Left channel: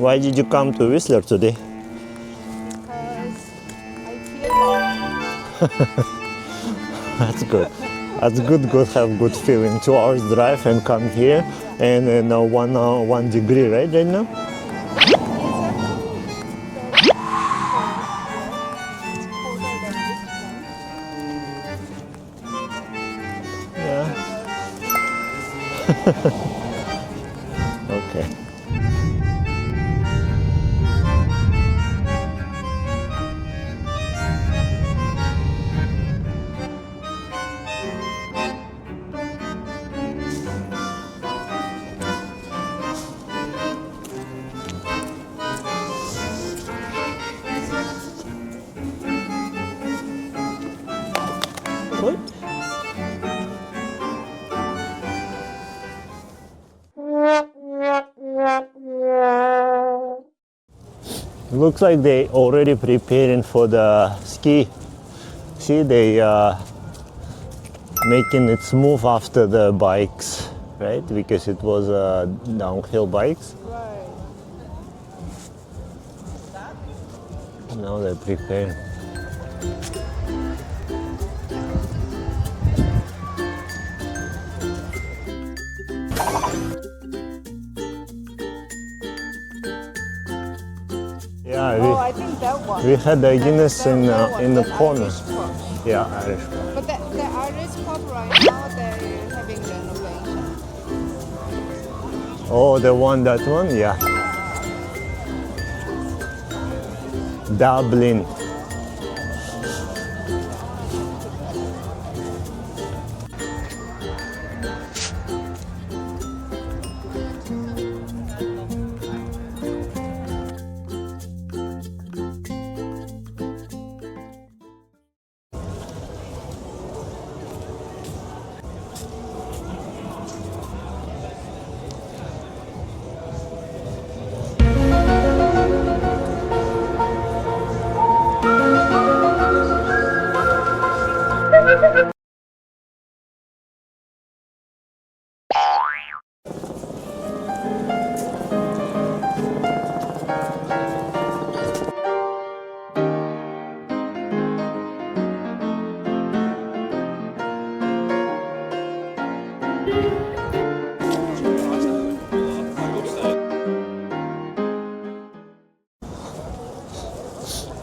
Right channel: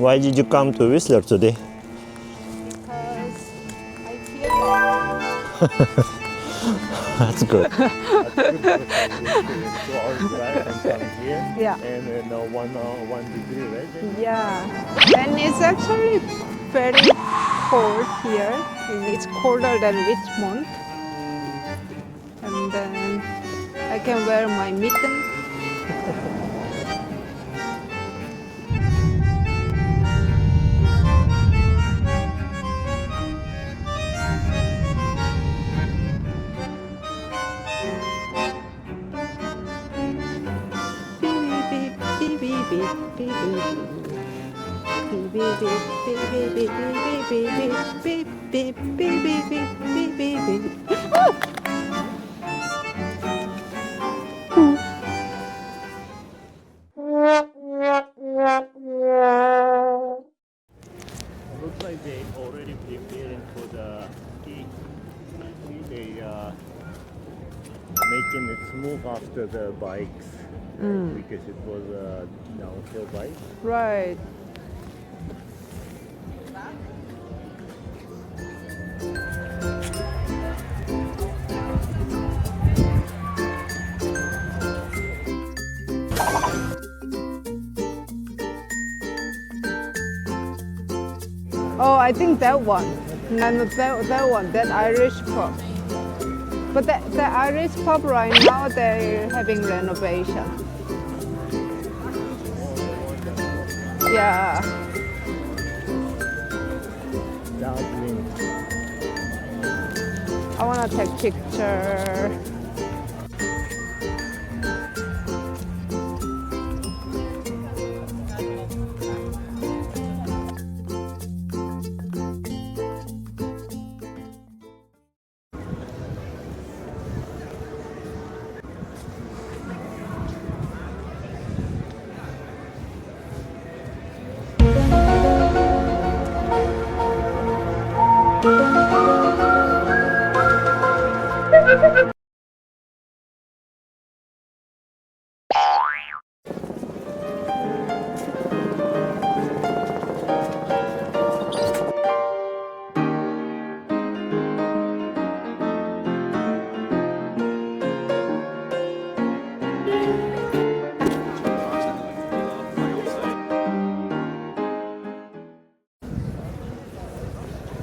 Why did you come to Whistler today? Because I feel like That's good. That's good. Good. Have good feeling. 2 hours drive and come here. Yeah. And 1 degree, right now? yeah, and it's actually very cold here. And it's colder than Richmond. And then I can wear my mittens. Okay. Looks like they already preparing for the ski. See, they making it smooth after the bikes, right? Because it was downhill bikes. Right. Now they're preparing. Yeah, Oh, I think that one. we had the And Guinness that one, in the that corner. Irish pub. Yeah, Irish. But the Irish pub right now, they're having renovation. Oh, the one, that one? Yeah. Yeah. Dubh Linn. I want to take picture.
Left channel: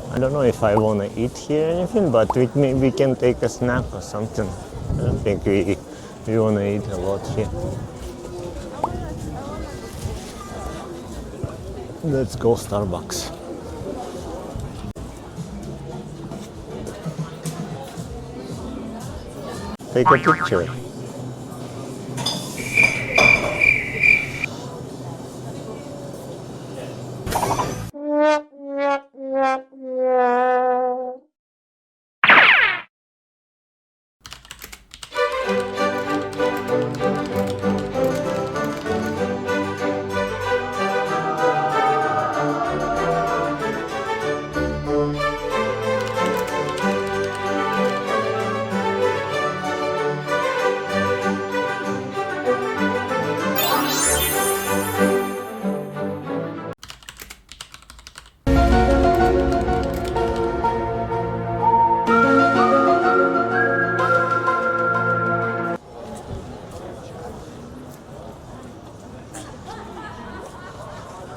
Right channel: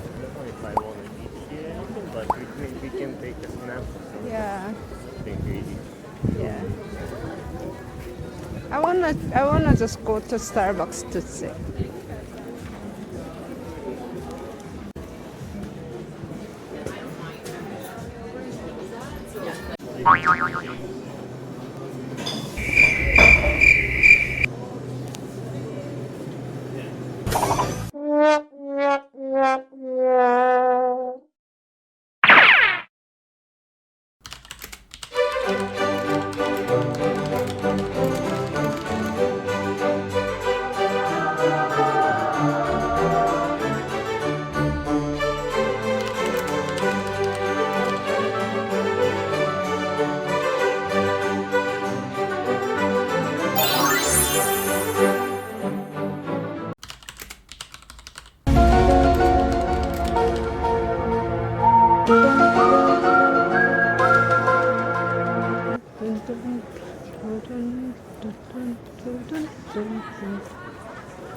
I don't know if I want to eat here or anything, but we can take a snack or something. Yeah. I don't think we want to eat a lot here. I wanna just go to Starbucks to sit. Let's go Starbucks. Take a picture.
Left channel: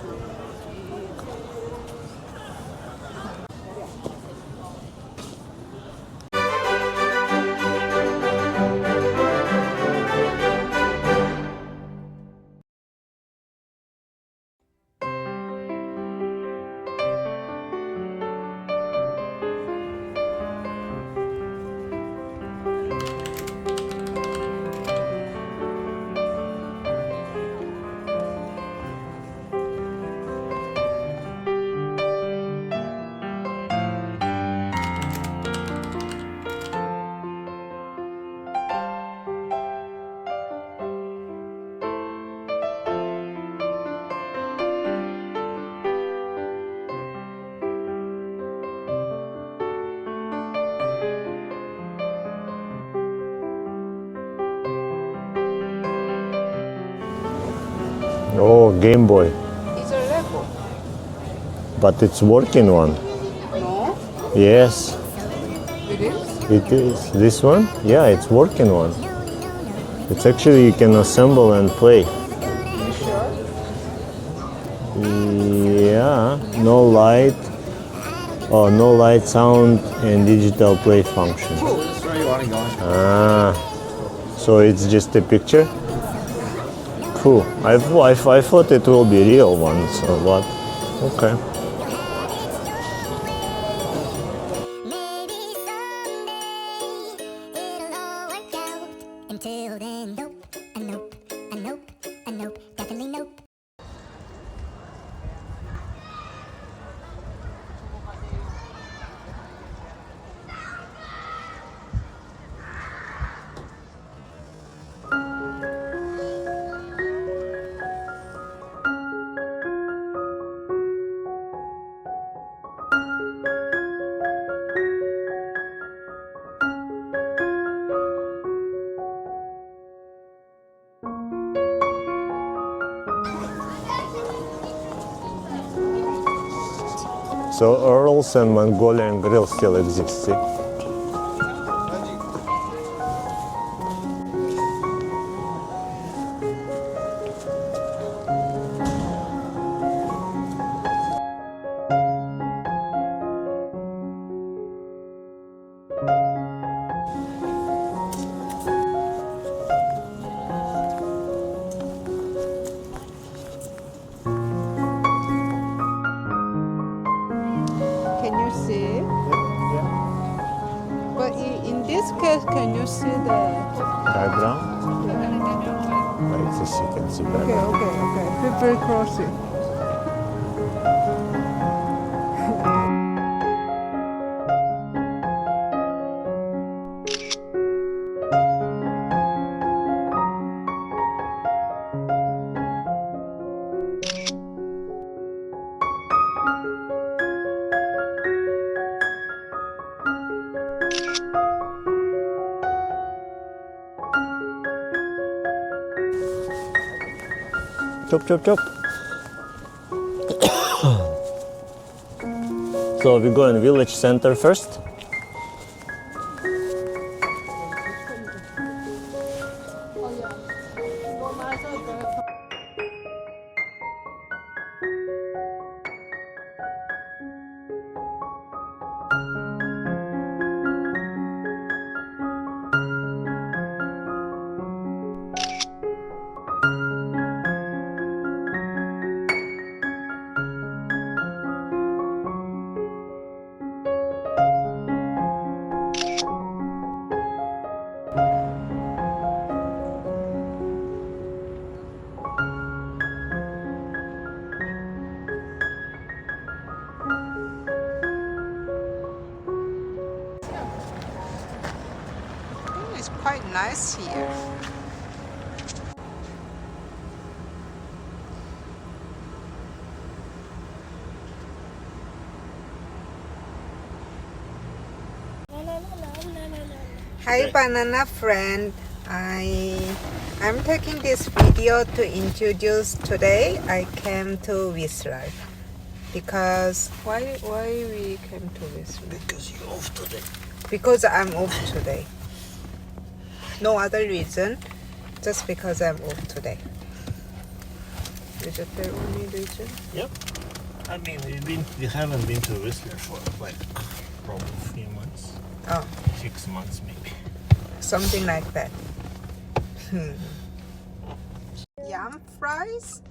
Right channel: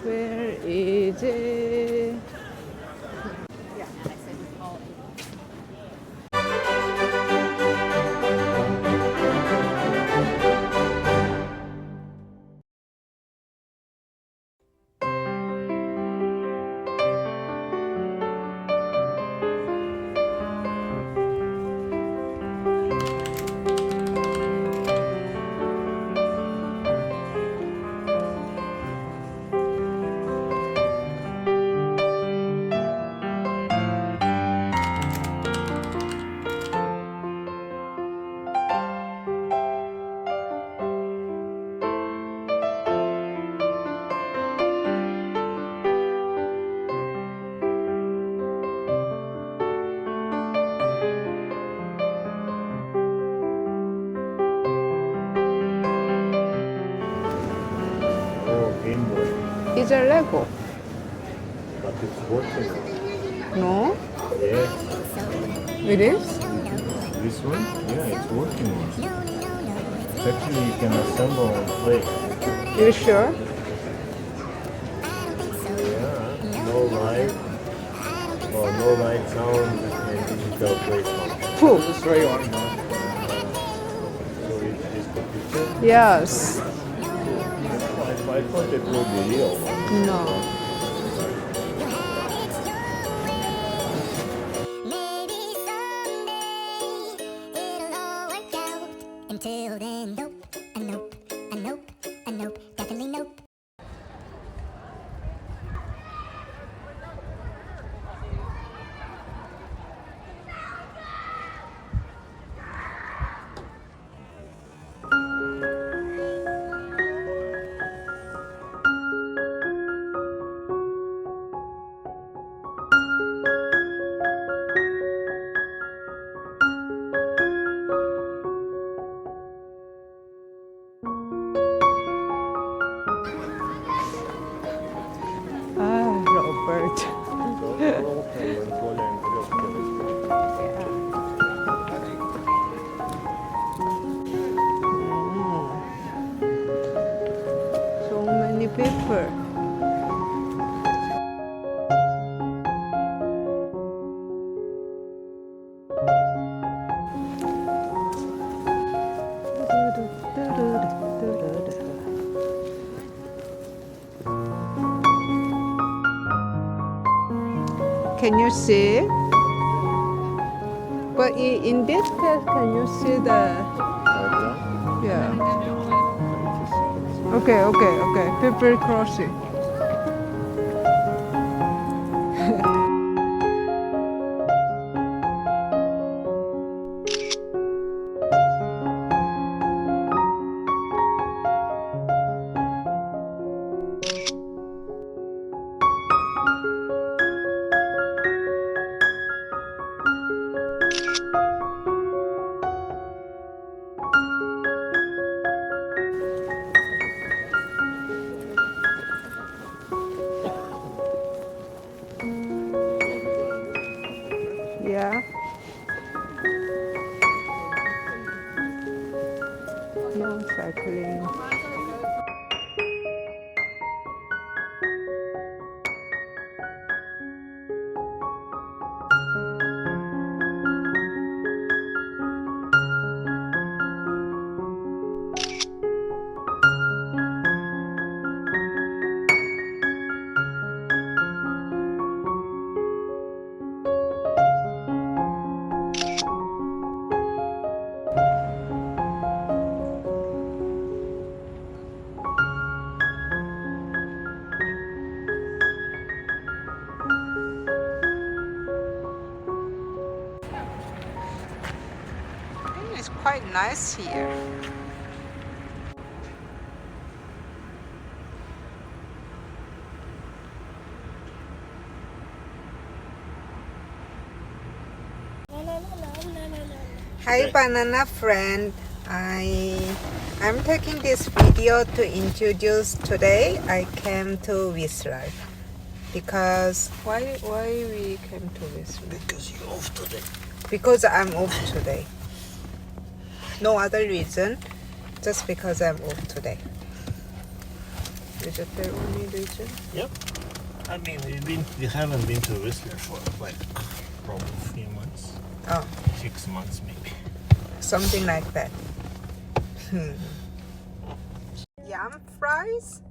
Where is it? Oh, Game Boy. It's a Lego. But it's working one. No? Yes, It is? it is. This one? Yeah, it's working one. It's actually you can assemble and play. You sure? Yeah, no light. Oh, no light, sound, and digital play function. Cool. Ah, so it's just a picture? Yes. Cool. I thought it will be real one, so what? Okay. Maybe someday it'll all work out. Until then, nope, a nope, a nope, a nope, definitely nope. Robert. So Earl's and Mongolian grill still exists. So many people. Can you see? But in this case, can you see the? Background? Yeah. Like this you can see. Okay. People crossing. Chop, chop, chop. So we go in village center first. Yeah. No cycling. It's quite nice here. Hi banana friend. I'm taking this video to introduce today I came to Whistler because why we came to Whistler? Because you're off today. Because I'm off today. No other reason, just because I'm off today. Is it the only reason? Yep. I mean, we haven't been to Whistler for like probably a few months. Oh, 6 months maybe. something like that. Yam fries?